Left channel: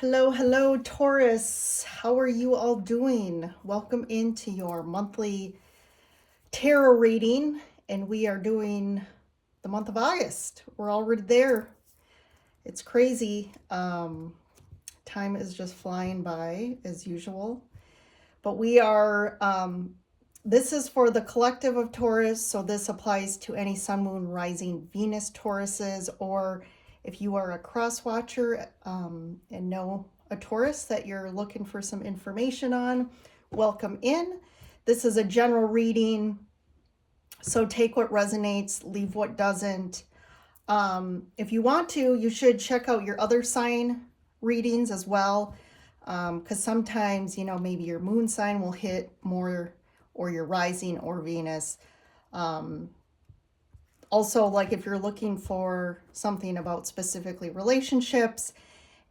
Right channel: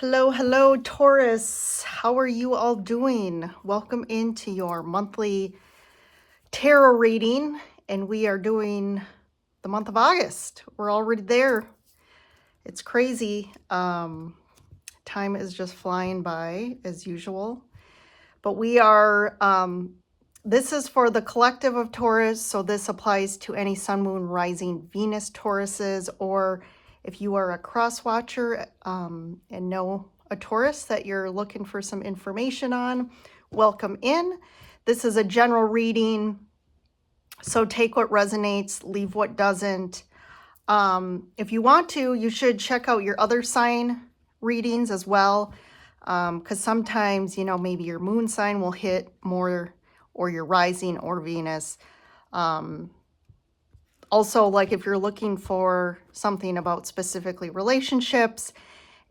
Hello, hello, Taurus. How are you all doing? Welcome into your monthly tarot reading, and we are doing the month of August. We're already there. It's crazy. Time is just flying by as usual. But we are, this is for the collective of Taurus, so this applies to any Sun, Moon, Rising, Venus Tauruses, or if you are a cross watcher and know a Taurus that you're looking for some information on, welcome in. This is a general reading, so take what resonates, leave what doesn't. If you want to, you should check out your other sign readings as well, because sometimes, maybe your moon sign will hit more, or your rising or Venus. Also, like if you're looking for something about specifically relationships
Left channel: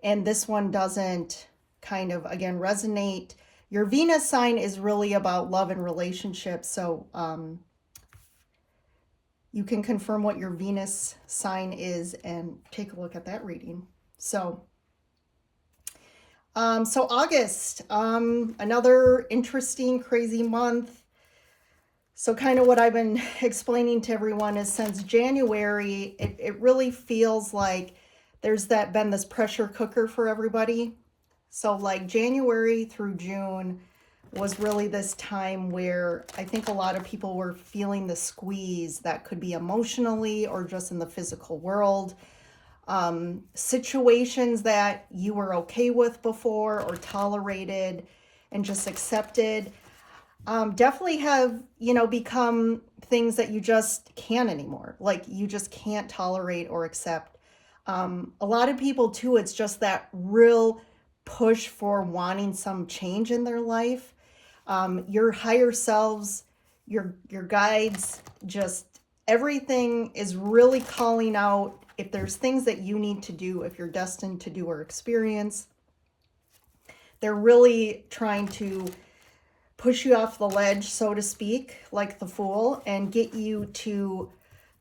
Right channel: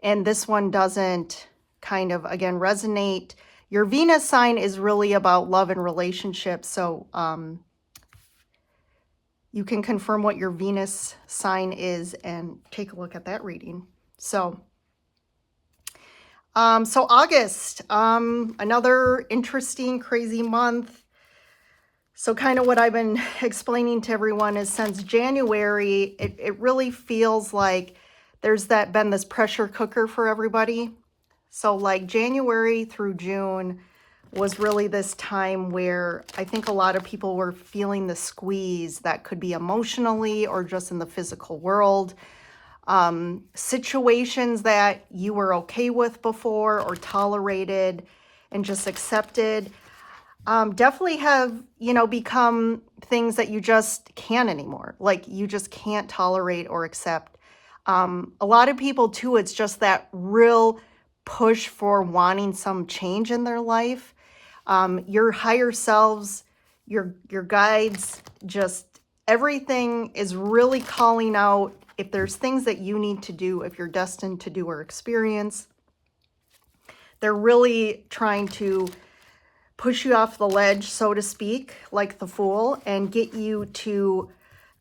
and this one doesn't kind of, again, resonate, your Venus sign is really about love and relationships. So you can confirm what your Venus sign is and take a look at that reading. So August, another interesting, crazy month. So kind of what I've been explaining to everyone is since January, it really feels like there's been this pressure cooker for everybody. So like January through June was really this time where I think a lot of people were feeling the squeeze that could be emotionally or just in the physical world. Situations that you were okay with before or tolerated and just accepted definitely have, become things that you just can't anymore. Like you just can't tolerate or accept. A lot of people too, it's just that real push for wanting some change in their life. Your higher selves, your guides, just everything is really calling out if there's things that you need to do, if you're destined to do or experience. They're really trying to push you off the ledge, so to speak, like the Fool, and get you to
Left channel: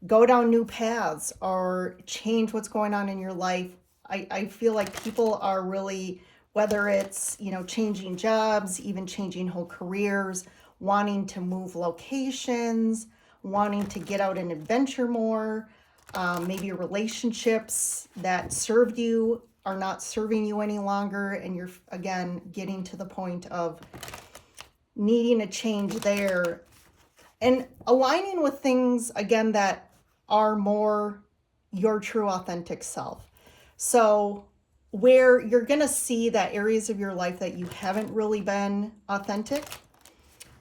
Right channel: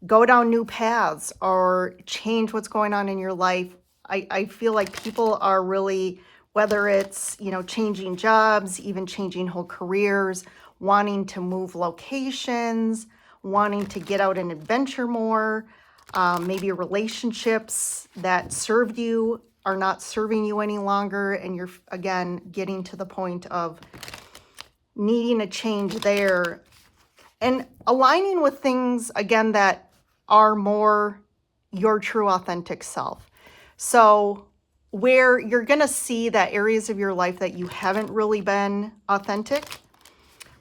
go down new paths or change what's going on in your life. I feel like people are really, whether it's, changing jobs, even changing whole careers, wanting to move locations, wanting to get out and adventure more, maybe relationships that served you are not serving you any longer, and you're, again, getting to the point of needing a change there and aligning with things, again, that are more your true authentic self. So where you're going to see that areas of your life that you haven't really been authentic,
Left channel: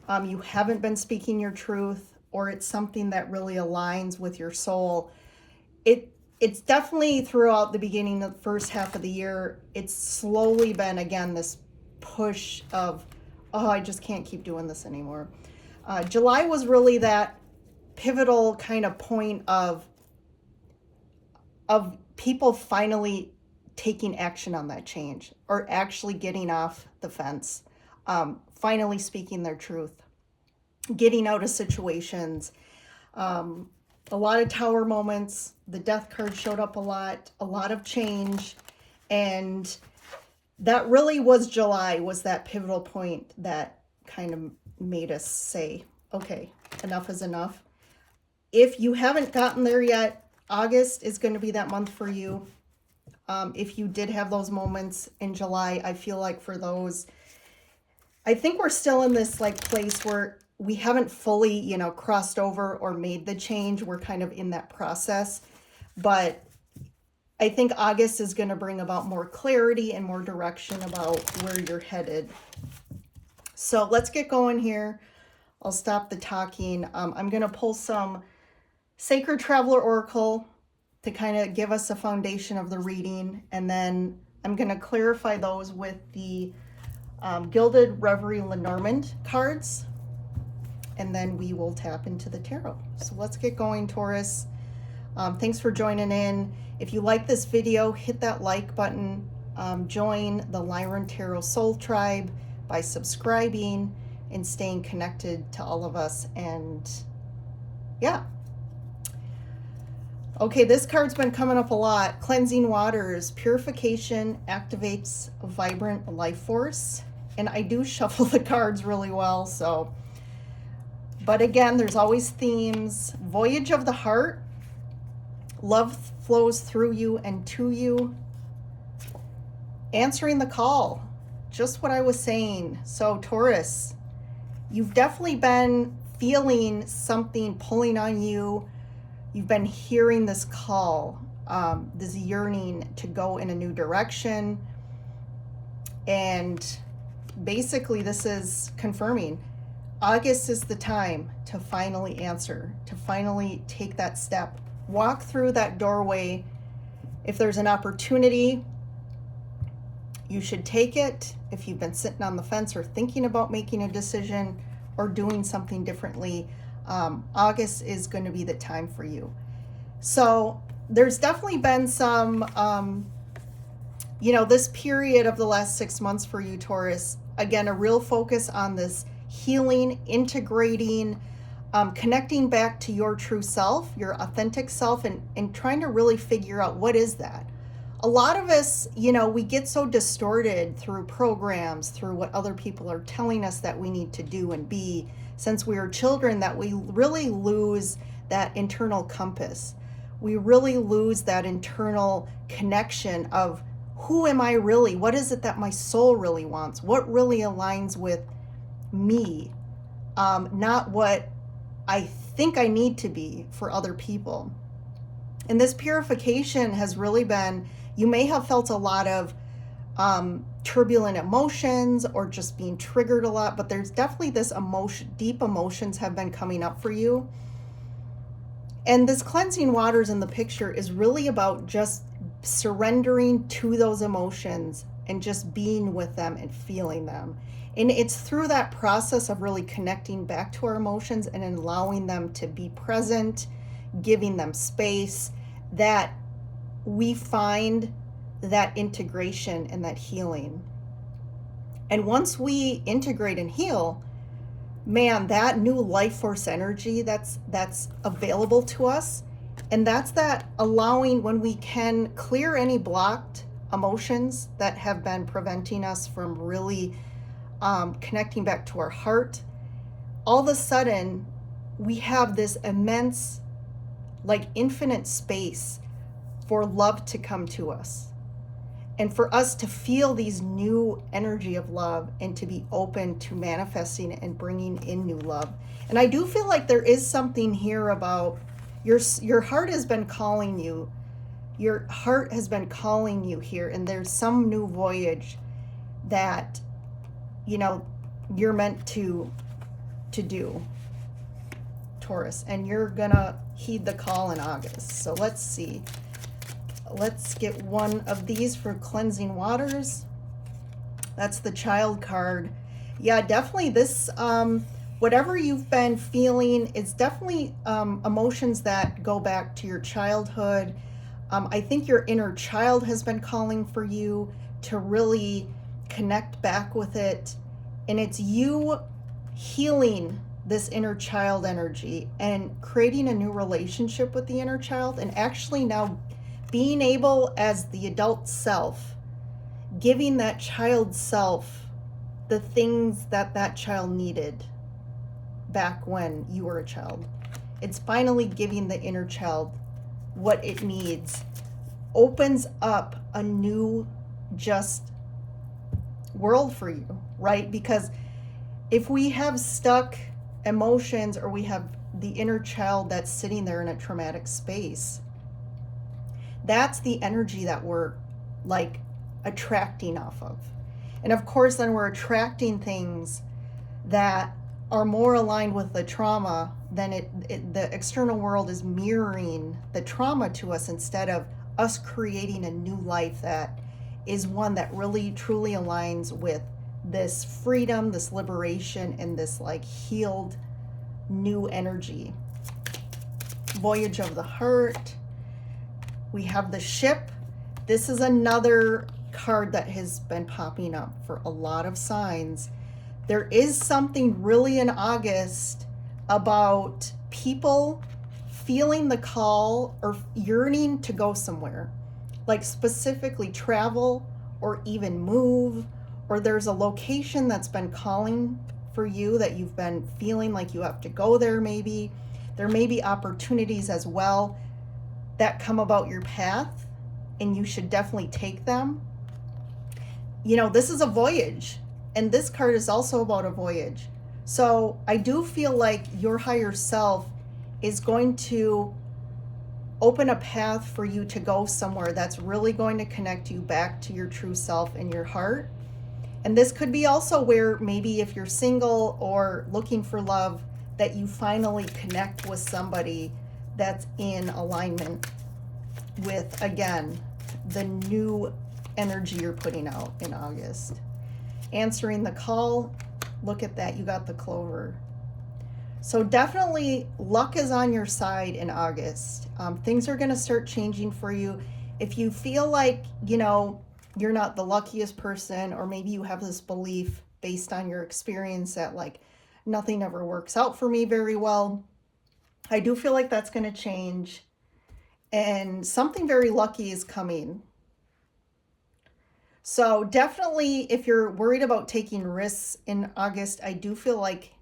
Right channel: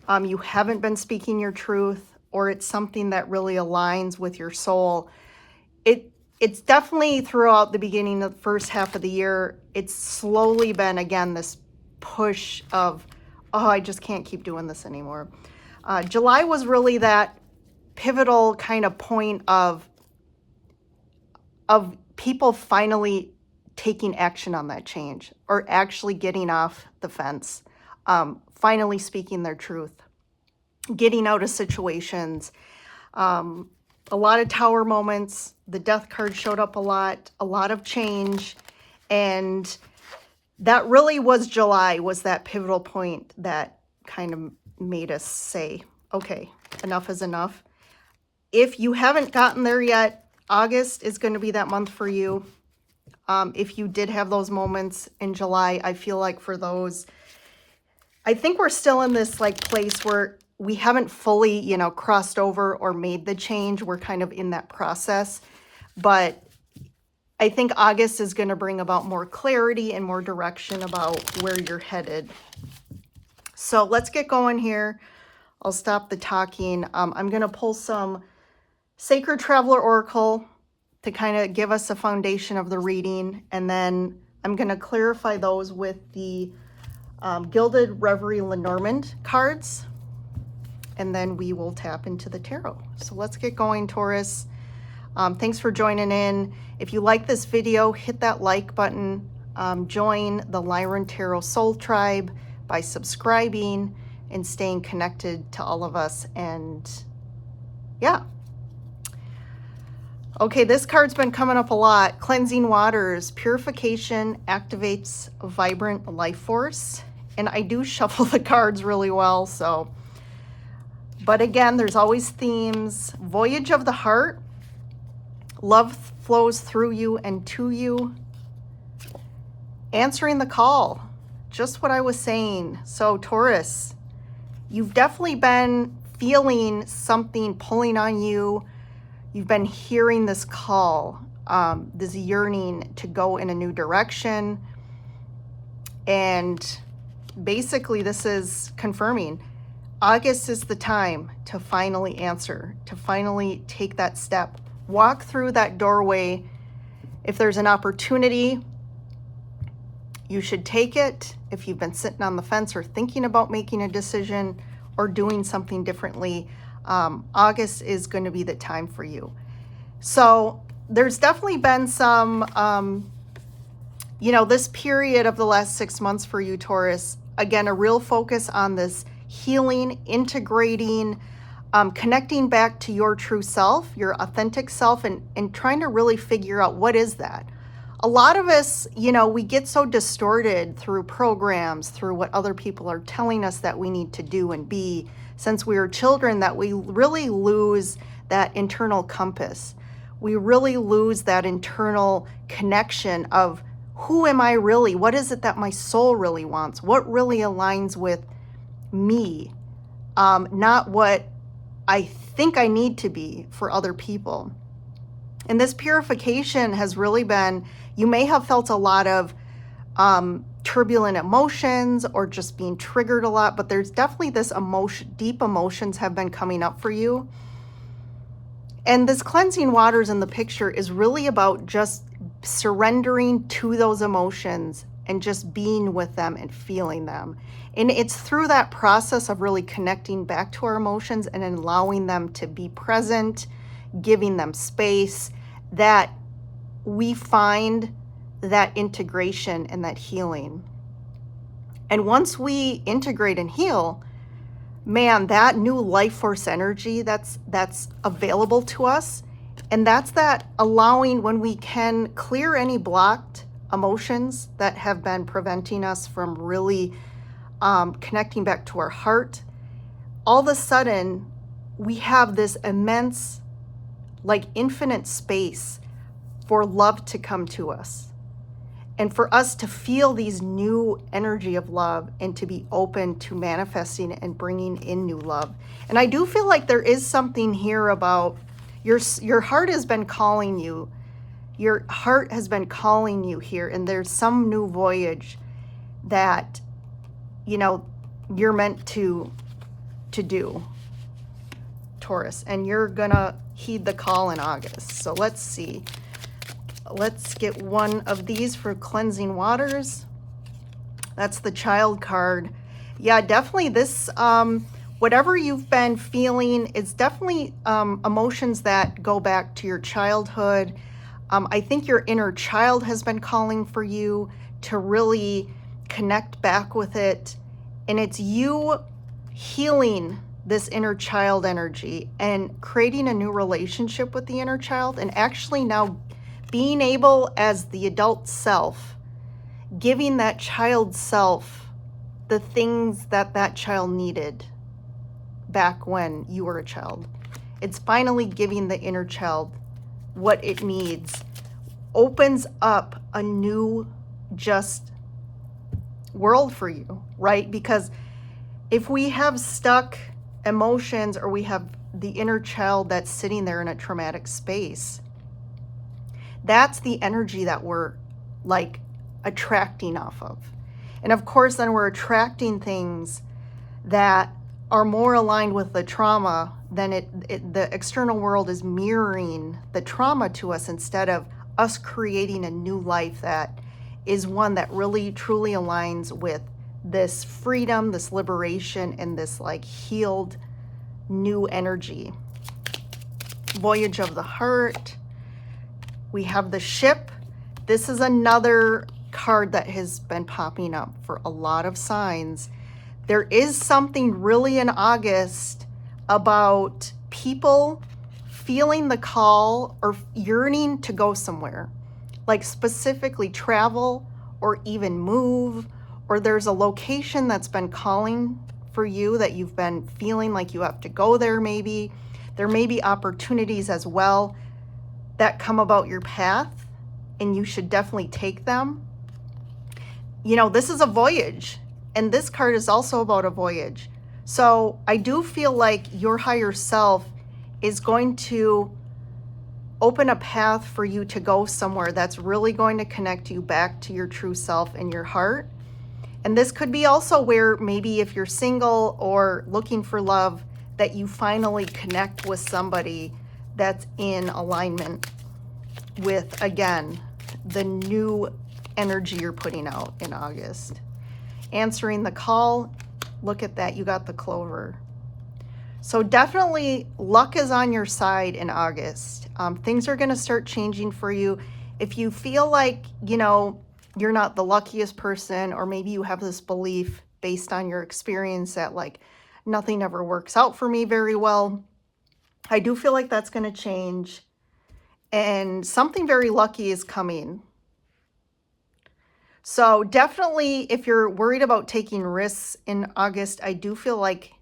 you haven't been speaking your truth, or it's something that really aligns with your soul. It's definitely throughout the beginning of the first half of the year, it's slowly been, again, this push of, oh, I just can't keep doing this anymore. July was really that pivotal kind of point of people finally taking action on that change, or actually getting off the fence, finally speaking their truth, getting out of situations. A lot of Tower moments. The Death card showed up a lot of change, and that really was July, was that pivotal point that kind of made us say, okay, enough is enough. If you haven't gotten there yet, August is going to be that month for you. If you did have those moments in July, I feel like for those, I think we're still in this like place where we haven't fully, crossed over or made the change. We're kind of in that process, but I think August is going to bring about more clarity and more direction about where you're headed. So let's get going here. I'll stop the talking. I'm going to pull some Sacred Traveler Oracle to kind of give us a foundation of the reading, and then I'm going to clarify those with the Gilded Reverie Lenormand cards, and then we will tap into the tarot. So let's get going, Taurus. Thanks for joining in. If you like this video, hit that like button. Join the Lyran Tarot Soul Tribe by subscribing and staying connected to all of us. And yeah. Okay, this card's been coming up a lot. Cleansing waters. Purification activates a vibrant life force. And I do shuffle the cards really well, so. But again, there's always themes. Voyage of the heart. Love flows through you and to you. Answering the call. Just what I was saying. So Taurus, you've definitely been feeling something pulling on you. You've been hearing this call, this yearning to go in a new direction. And basically this is confirming August is the time to finally answer, to finally take that step. Walk through that doorway. If there's an opportunity, you should take it. If you've been sitting on the fence or thinking about making a decision or doing something differently, August is going to be the time for you. So there's definitely been some, this period of the last 6 months for you, Taurus, again, a real focus on this healing, integrating, connecting back to your true self, your authentic self, and trying to really figure out what is that. A lot of us, we get so distorted through programs, through what other people are telling us that we need to do and be since we were children, that we really lose that internal compass. We really lose that internal connection of who am I really? What is it that my soul really wants? What really aligns with me? Not what I think I need to be for other people. And this purification has really been, you may have felt a lot of turbulent emotions or just being triggered a lot, but there's definitely this deep emotions have been coming up for you. And this cleansing waters in the picture is really about just surrendering to those emotions and just being with them and feeling them. And it's through that process of really connecting back to our emotions and allowing them to be present, giving them space, that we find that integration and that healing. And once we integrate and heal, man, that new life force energy that's available to us, and that's that allowing when we can clear any blocked emotions that have been preventing us from really connecting back to our heart. All of a sudden, we have this immense, like infinite space for love to come to us and for us to feel these new energy of love and to be open to manifesting and bringing in new love. And I do feel like there is something here about your heart has been calling you. Your heart has been calling you here, and there's some new voyage that, you're meant to do, Taurus, and you're gonna heed the call in August. So let's see. Let's get one of these for cleansing waters. That's the child card. Yeah, definitely this, whatever you've been feeling, it's definitely emotions that go back to your childhood. I think your inner child has been calling for you to really connect back with it. And it's you healing this inner child energy and creating a new relationship with the inner child, and actually now being able as the adult self, giving that child self the things that that child needed back when you were a child. It's finally giving the inner child what it needs. Opens up a new just world for you, right? Because if we have stuck emotions or we have the inner child that's sitting there in a traumatic space, that's the energy that we're like attracting off of. And of course, then we're attracting things that are more aligned with the trauma than the external world is mirroring the trauma to us instead of us creating a new life that is one that really truly aligns with this freedom, this liberation, and this like healed new energy. Voyage of the heart. We have the ship. This is another card that has been popping up for a lot of signs. There is something really in August about people feeling the call or yearning to go somewhere, like specifically travel or even move, or there's a location that's been calling for you that you've been feeling like you have to go there maybe. There may be opportunities as well that come about your path, and you should definitely take them. You know, this is a voyage, and this card is also about a voyage. So I do feel like your higher self is going to open a path for you to go somewhere that's really going to connect you back to your true self and your heart. And this could be also where maybe if you're single or looking for love, that you finally connect with somebody that's in alignment with, again, the new energy you're putting out in August. Answering the call, look at that, you got the clover. So definitely luck is on your side in August. Things are going to start changing for you. If you feel like, you know, you're not the luckiest person, or maybe you have this belief based on your experience that like nothing ever works out for me very well, I do feel like that's going to change, and something very lucky is coming. So definitely, if you're worried about taking risks in August, I do feel like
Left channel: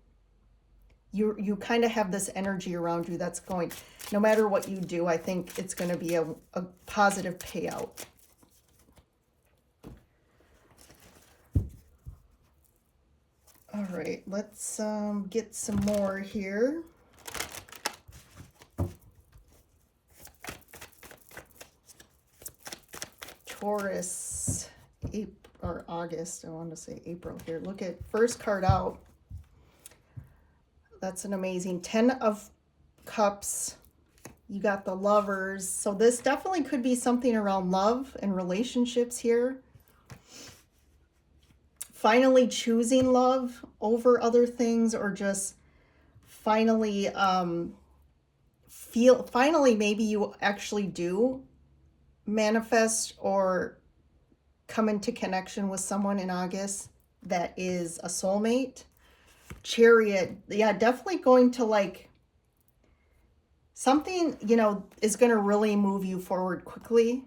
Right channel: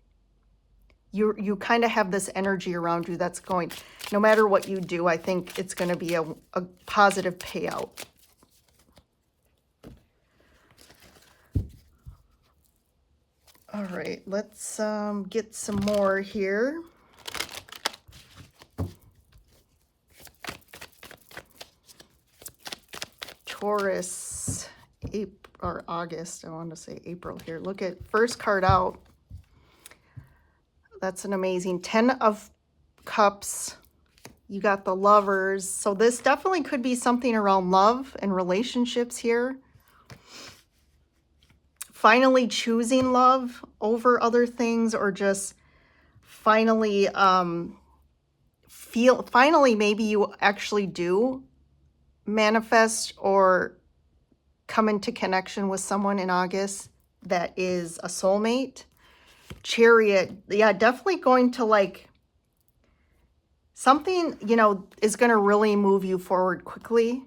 you kind of have this energy around you that's going, no matter what you do, I think it's going to be a positive payout. All right, let's get some more here. Taurus, or August, I want to say April here. Look at first card out. That's an amazing 10 of Cups. You got the Lovers. So this definitely could be something around love and relationships here. Finally choosing love over other things, or just finally finally maybe you actually do manifest or come into connection with someone in August that is a soulmate. Chariot, yeah, definitely going to like something, you know, is going to really move you forward quickly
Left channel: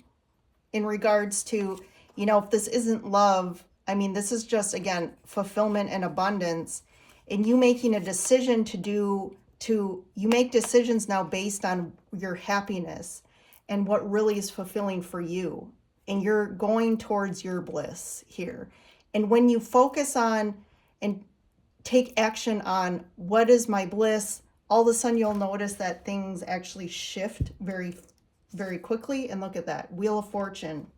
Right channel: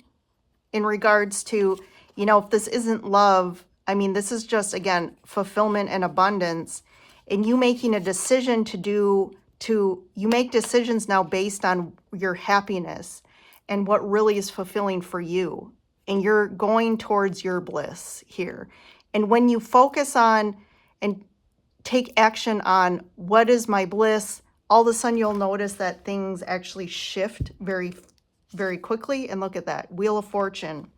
in regards to, you know, if this isn't love, I mean, this is just, again, fulfillment and abundance, and you making a decision you make decisions now based on your happiness and what really is fulfilling for you. And you're going towards your bliss here. And when you focus on and take action on what is my bliss, all of a sudden you'll notice that things actually shift very, very quickly. And look at that, Wheel of Fortune.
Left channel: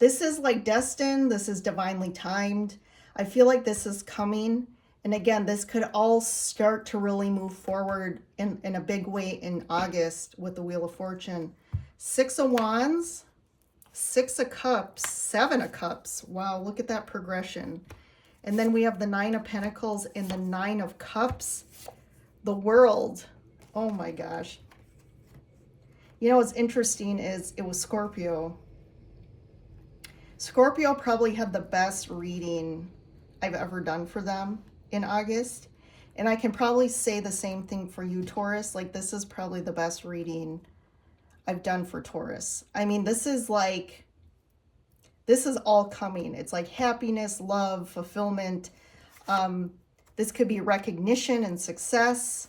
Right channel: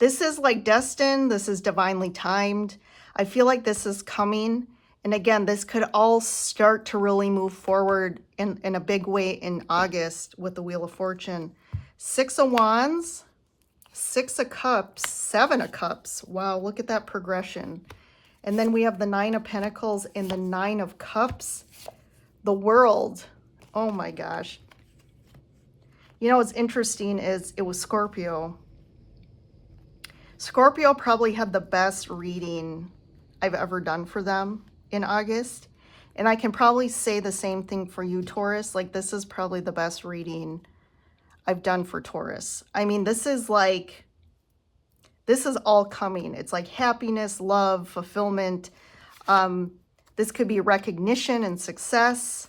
This is like destined. This is divinely timed. I feel like this is coming. And again, this could all start to really move forward in a big way in August with the Wheel of Fortune. 6 of Wands, 6 of Cups, 7 of Cups. Wow, look at that progression. And then we have the 9 of Pentacles and the 9 of Cups. The World. Oh my gosh. You know what's interesting is it was Scorpio. Scorpio probably had the best reading I've ever done for them in August. And I can probably say the same thing for you, Taurus. Like, this is probably the best reading I've done for Taurus. I mean, this is all coming. It's like happiness, love, fulfillment. This could be recognition and success,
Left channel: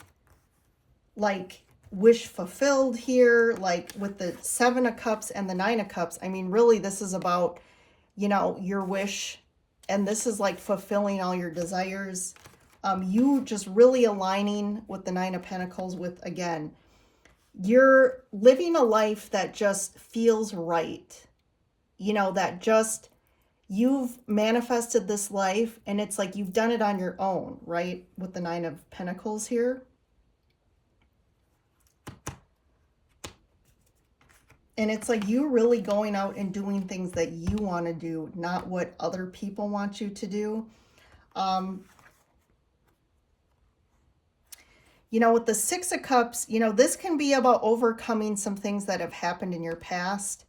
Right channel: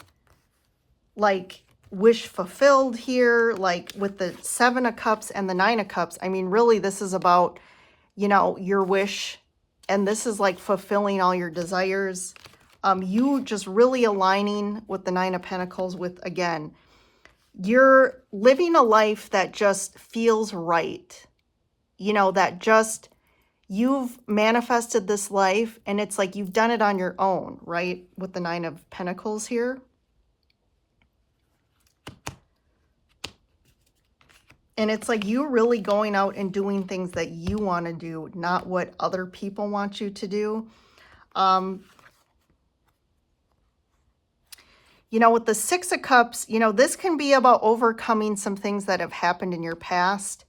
like wish fulfilled here, like with the 7 of Cups and the 9 of Cups. I mean, really, this is about, you know, your wish, and this is like fulfilling all your desires. You just really aligning with the 9 of Pentacles with, again, you're living a life that just feels right. You know, that just, you've manifested this life, and it's like you've done it on your own, right? With the 9 of Pentacles here. And it's like you really going out and doing things that you want to do, not what other people want you to do. You know, with the 6 of Cups, you know, this can be about overcoming some things that have happened in your past.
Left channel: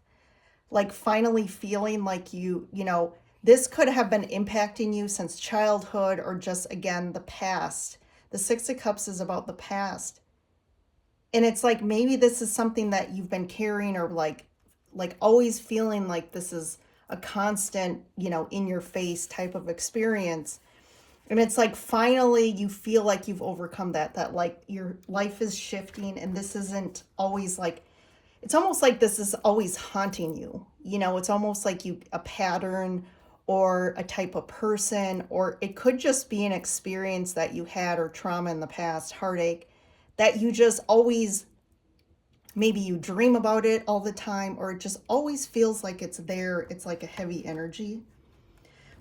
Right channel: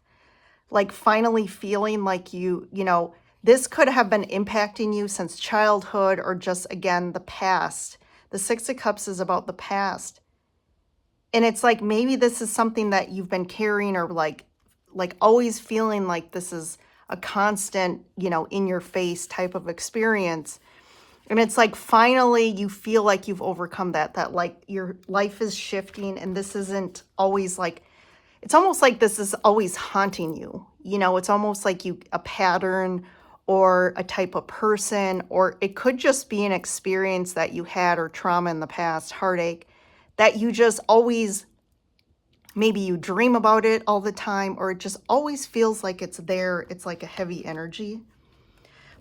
Like finally feeling like you know, this could have been impacting you since childhood, or just, again, the past. The 6 of Cups is about the past. And it's like, maybe this is something that you've been carrying, or like always feeling like this is a constant, you know, in your face type of experience. And it's like, finally, you feel like you've overcome that like your life is shifting, and this isn't always like, it's almost like this is always haunting you. You know, it's almost like a pattern or a type of person, or it could just be an experience that you had, or trauma in the past, heartache, that you just always, maybe you dream about it all the time, or it just always feels like it's there. It's like a heavy energy.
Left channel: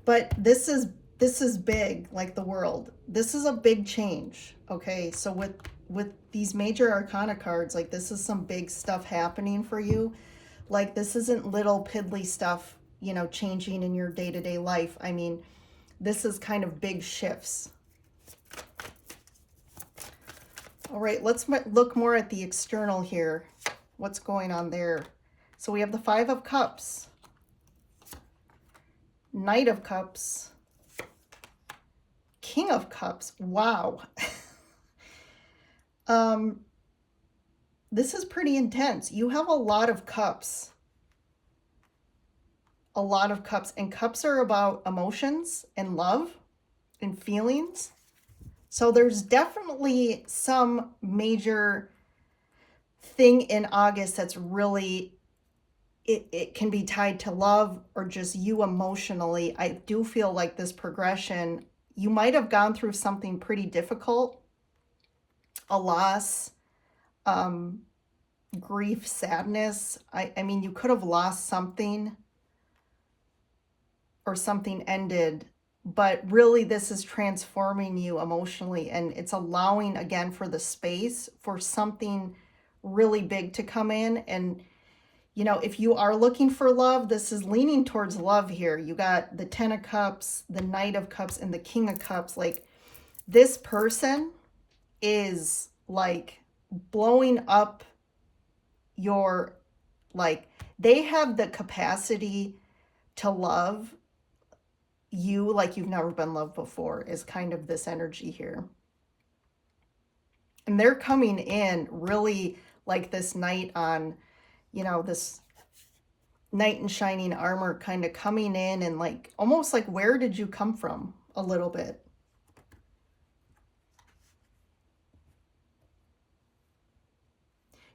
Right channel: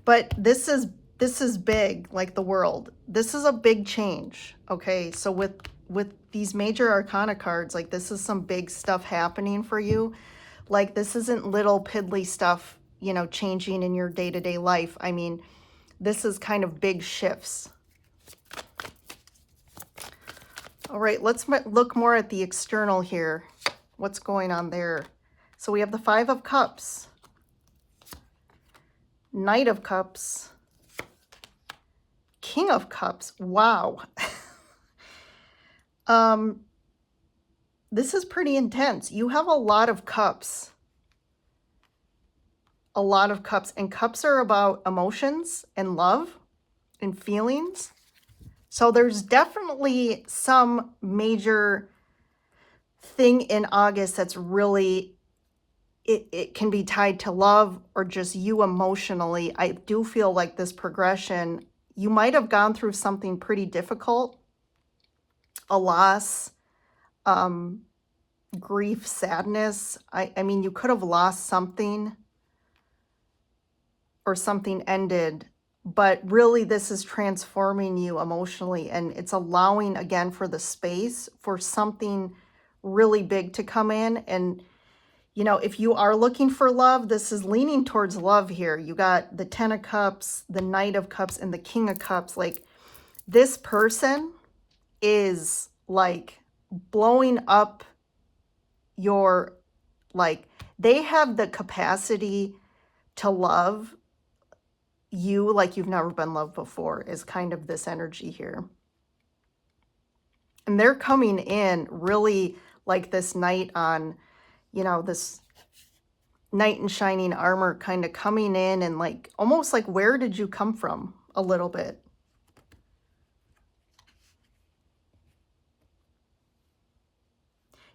But this is big, like the world. This is a big change. Okay, so with these major arcana cards, like, this is some big stuff happening for you. Like, this isn't little piddly stuff, you know, changing in your day-to-day life. I mean, this is kind of big shifts. All right, let's look more at the external here. What's going on there? So we have the Five of Cups, Knight of Cups, King of Cups. Wow. This is pretty intense. You have a lot of cups. A lot of cups. And cups are about emotions and love and feelings. So there's definitely some major thing in August that's really, it can be tied to love or just you emotionally. I do feel like this progression, you might have gone through something pretty difficult, a loss, grief, sadness. I mean, you could have lost something, or something ended, but really this is transforming you emotionally, and it's allowing again for the space for something really big to come in. And you know, if you are looking for love, this is leaning towards love here. You got the Ten of Cups, the Knight of Cups, and the King of Cups. Like, this person is like blowing up your, like, they have the capacity to love you like you've never been loved before, is kind of this energy here. And they're coming in really like this knight on, you know, this knight in shining armor, kind of coming in and like, almost like, where did you come from, a little bit.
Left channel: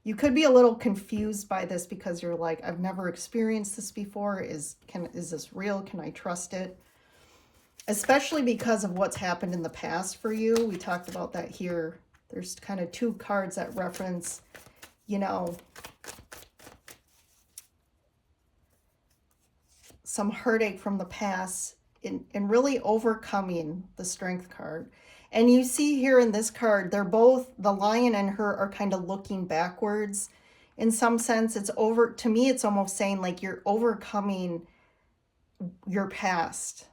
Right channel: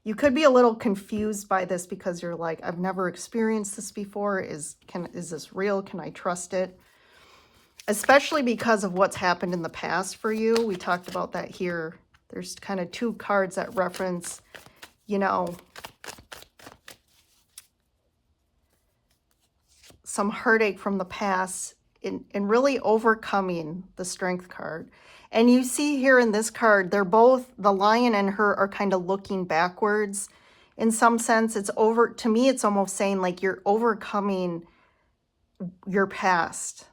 You could be a little confused by this because you're like, I've never experienced this before. Is this real? Can I trust it? Especially because of what's happened in the past for you. We talked about that here. There's kind of two cards that reference, you know, some heartache from the past, in really overcoming, the Strength card. And you see here in this card, they're both, the lion and her are kind of looking backwards. In some sense, it's over, to me, it's almost saying like you're overcoming your past.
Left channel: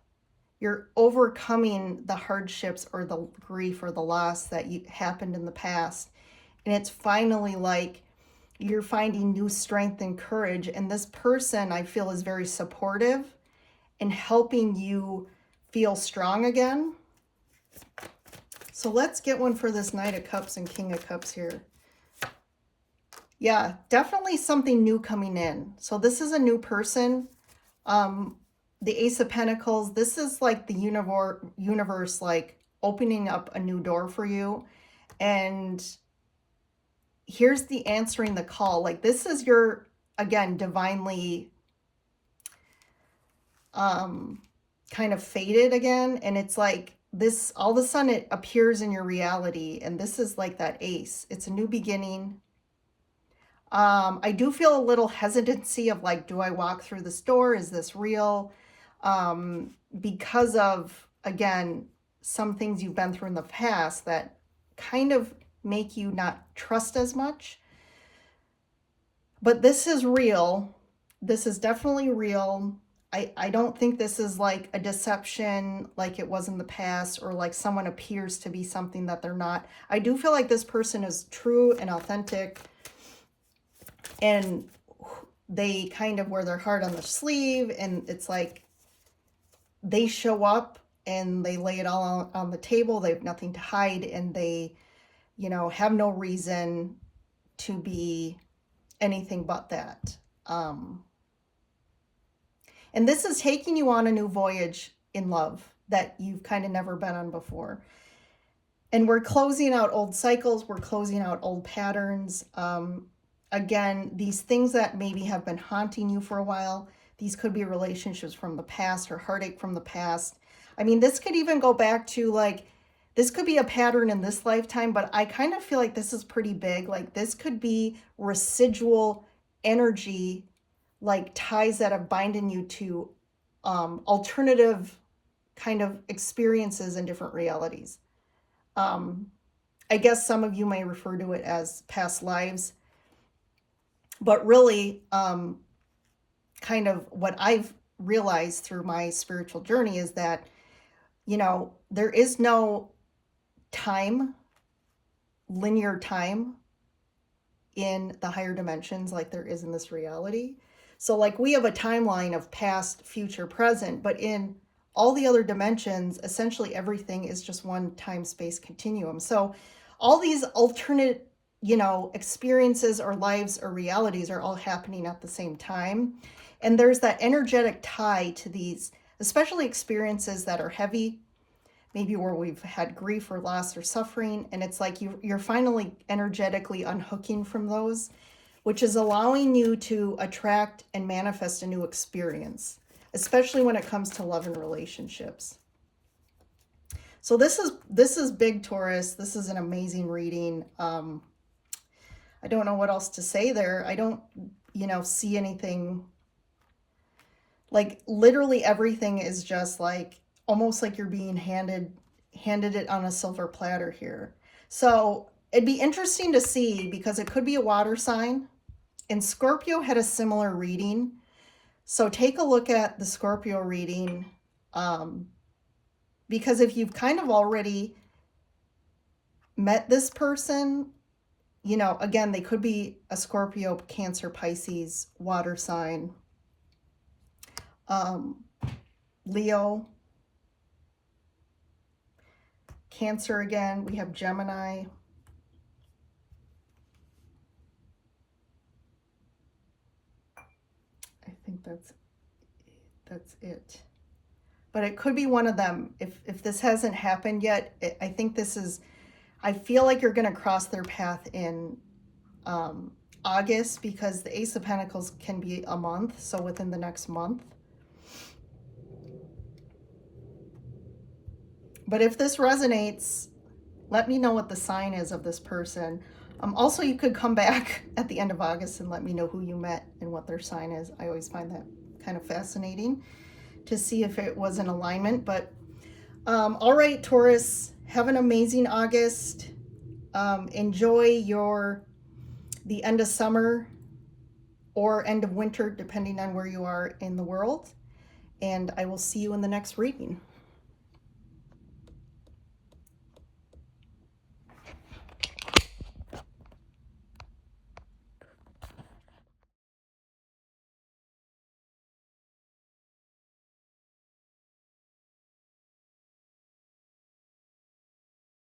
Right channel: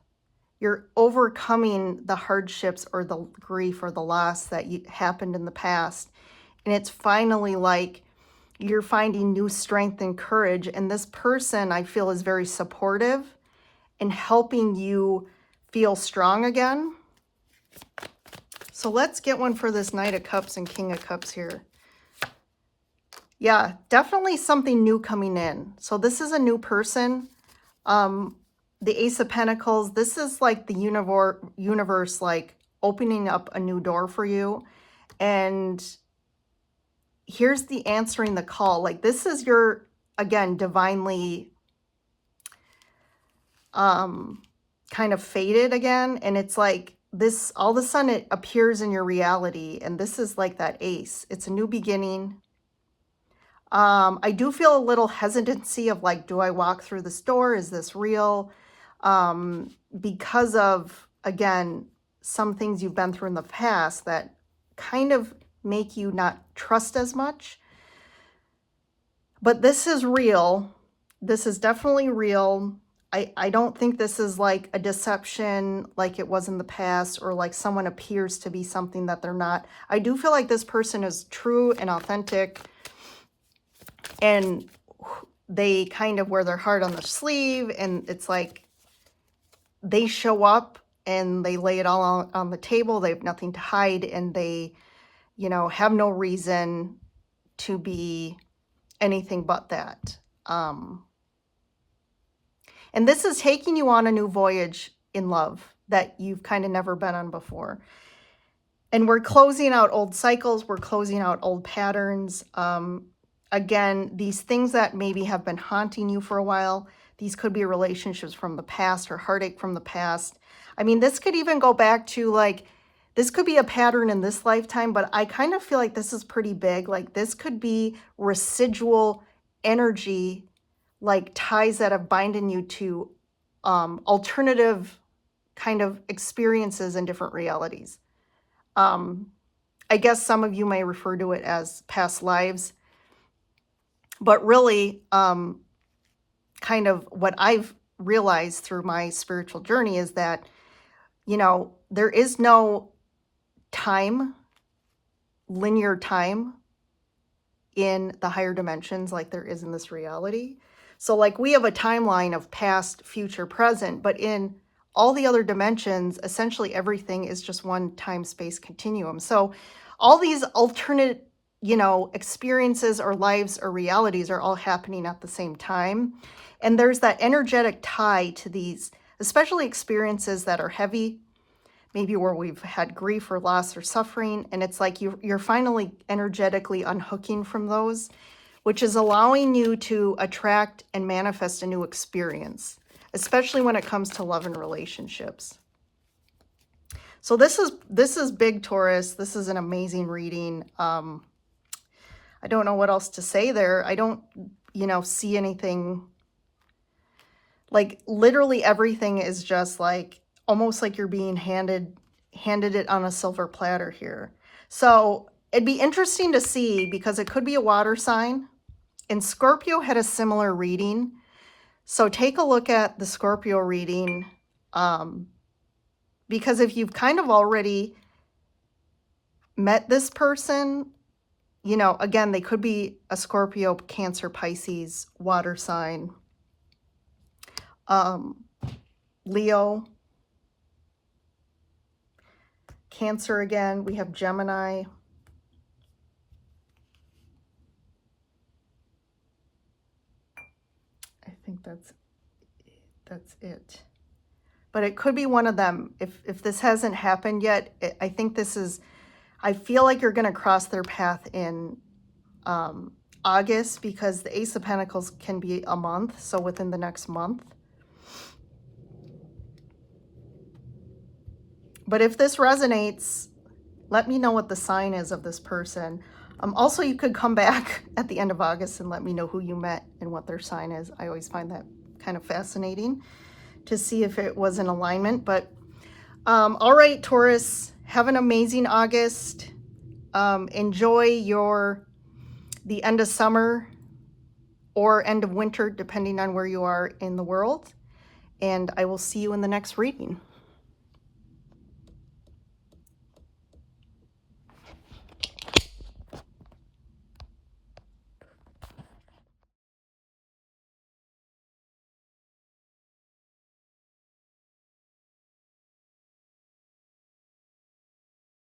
You're overcoming the hardships or the grief or the loss that happened in the past. And it's finally like you're finding new strength and courage. And this person, I feel, is very supportive and helping you feel strong again. So let's get one for this Knight of Cups and King of Cups here. Yeah, definitely something new coming in. So this is a new person. The Ace of Pentacles, this is like the universe like opening up a new door for you. And here's the answering the call. Like, this is your, again, divinely kind of fated again. And it's like this, all of a sudden it appears in your reality. And this is like that ace. It's a new beginning. I do feel a little hesitancy of like, do I walk through this door? Is this real? Because of, again, some things you've been through in the past that kind of make you not trust as much. But this is real. This is definitely real. I don't think this is like a deception like it was in the past, or like someone appears to be something that they're not. I do feel like this person is true and authentic, and they kind of wear their heart on their sleeve, and it's like they show up and they lay it all on the table. They have nothing to hide, and they, you know, have no reason to be anything but that. And this is taking you on a new voyage in love that you've kind of never been on before. And we're closing out old cycles. We're closing out old patterns. Again, these things that maybe have been haunting you for a while, these could be relationships from the past or heartache from the past. I mean, this could even go back to like, this could be a pattern in this lifetime, but I kind of feel like this is pretty big. Like this could be residual energy, like ties that have binding you to alternative kind of experiences in different realities. I guess some of you may refer to it as past lives, but really kind of what I've realized through my spiritual journey is that, you know, there is no time, linear time in the higher dimensions like there is in this reality. So like we have a timeline of past, future, present, but in all the other dimensions, essentially everything is just one time-space continuum. So all these alternate, you know, experiences or lives or realities are all happening at the same time. And there's that energetic tie to these, especially experiences that are heavy, maybe where we've had grief or loss or suffering. And it's like you're finally energetically unhooking from those, which is allowing you to attract and manifest a new experience, especially when it comes to love and relationships. So this is big, Taurus. This is an amazing reading. I don't know what else to say there. I don't, you know, see anything. Like literally everything is just like almost like you're being handed it on a silver platter here. So it'd be interesting to see because it could be a water sign. And Scorpio had a similar reading. So take a look at the Scorpio reading, because if you've kind of already met this person, you know, again, they could be a Scorpio, Cancer, Pisces, water sign, Leo, Cancer again. We have Gemini. I think that's it. But it could be one of them. If this hasn't happened yet, I think this is, I feel like you're going to cross their path in August because the Ace of Pentacles can be a month. So within the next month. But if this resonates, let me know what the sign is of this person. Also, you could come back at the end of August and let me know who you met and what their sign is. I always find that kind of fascinating to see if it was in alignment. But all right, Taurus, have an amazing August. Enjoy the end of summer or end of winter, depending on where you are in the world. And I will see you in the next reading.